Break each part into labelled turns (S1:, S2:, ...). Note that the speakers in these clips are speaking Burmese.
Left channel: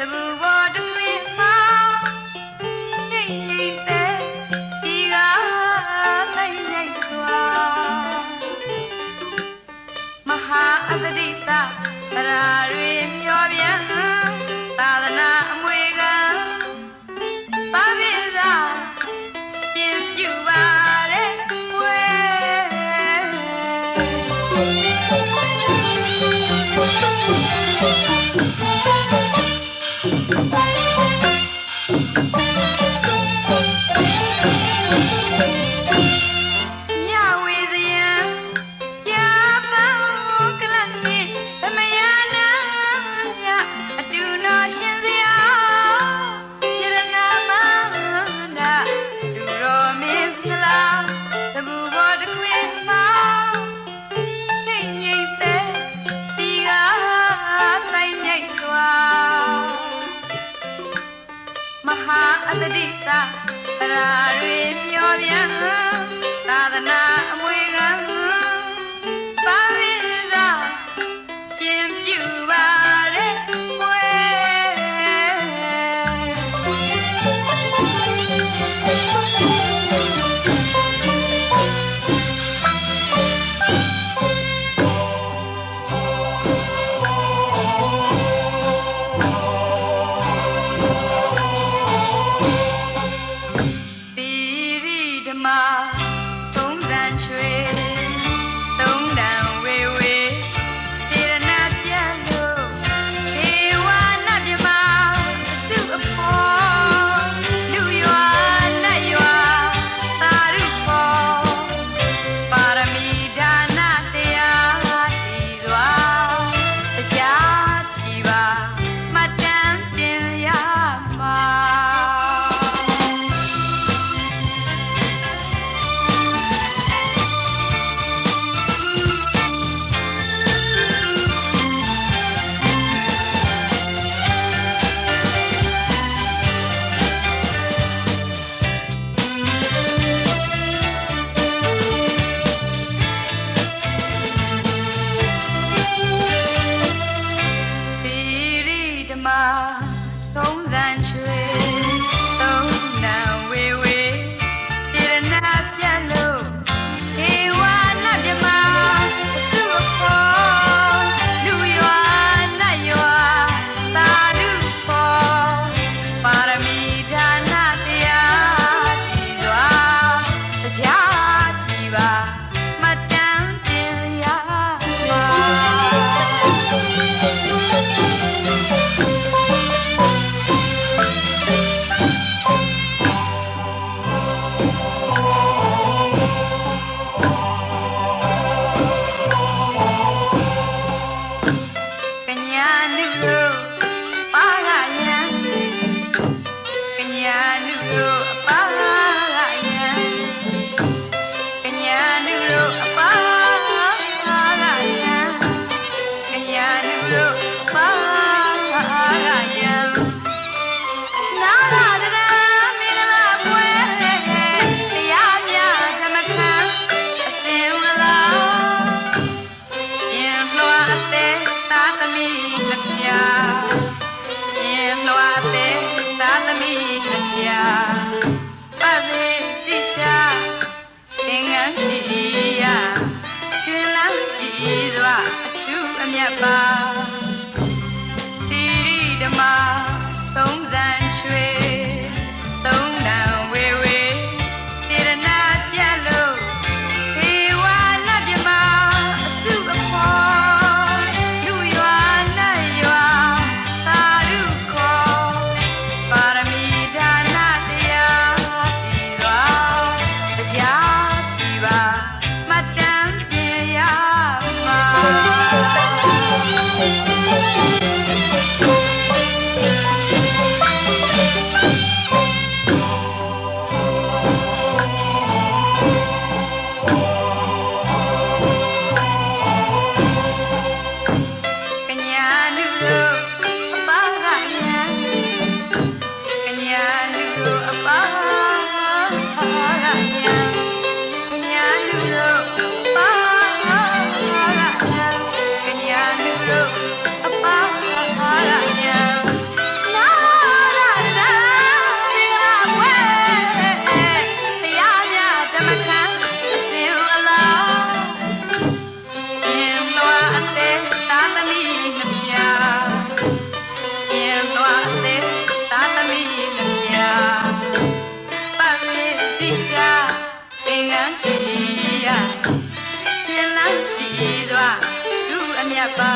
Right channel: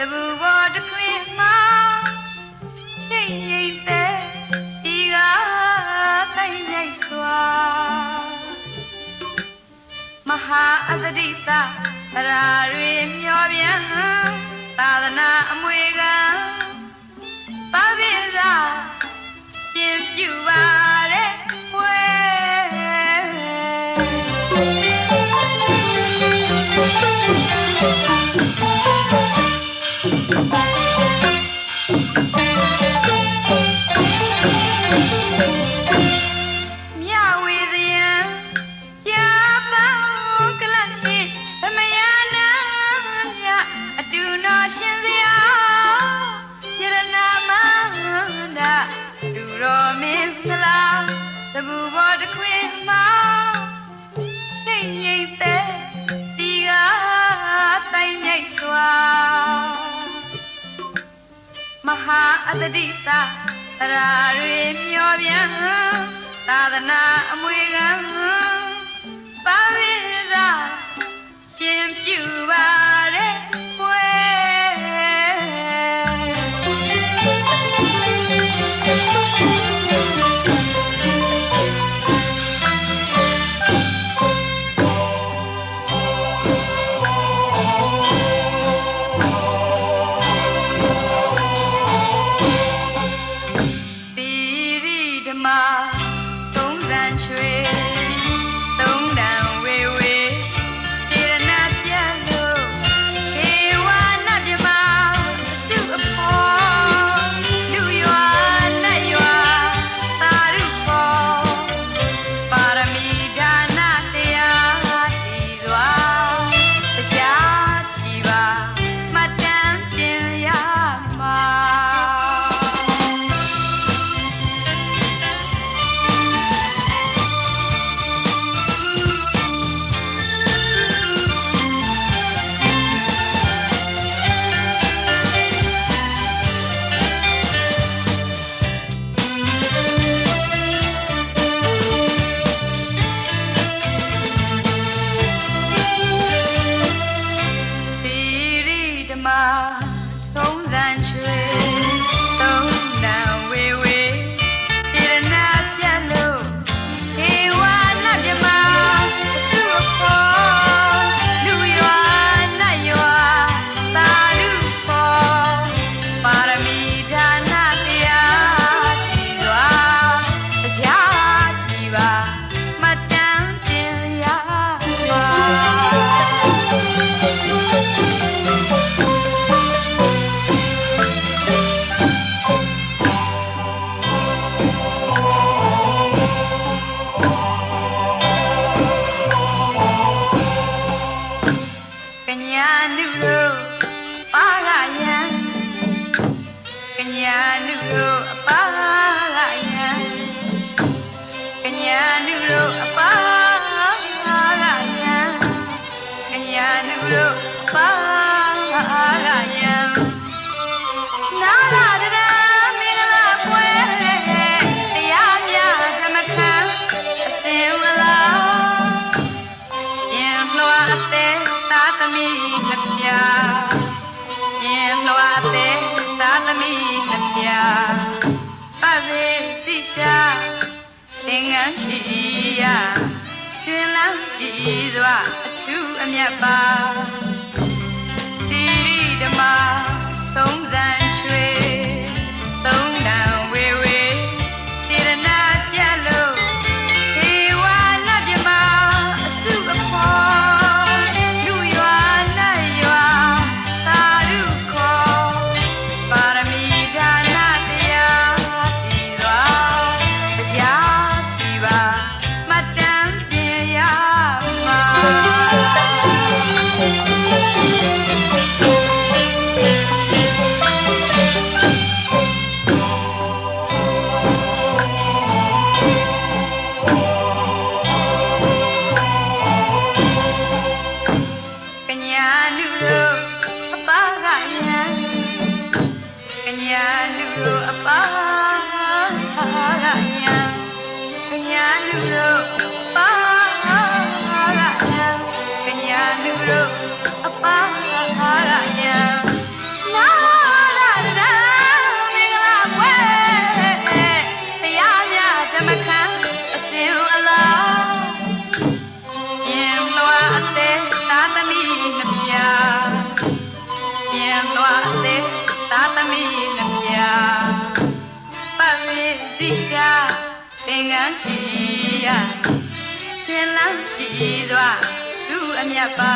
S1: စပူပေါ်သူရဲ့မှာရှိနေတဲ့စီကနိုင်နိုင်စွာမဟာအတ္တိတရာရီမျောပြန်သာသနာအမွေကပါကိစ္စရှင်ပြပါ အတတိတာအရာတွေမျောပြန်
S2: သာသနာအမွေက မြတ်ပါတိရိဓမ္မသုံးဆန်း I knew about န်းရှိရခင်လန်းပြီးစွာလူအမြတ်ပါ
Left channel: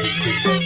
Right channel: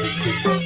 S2: Thank you.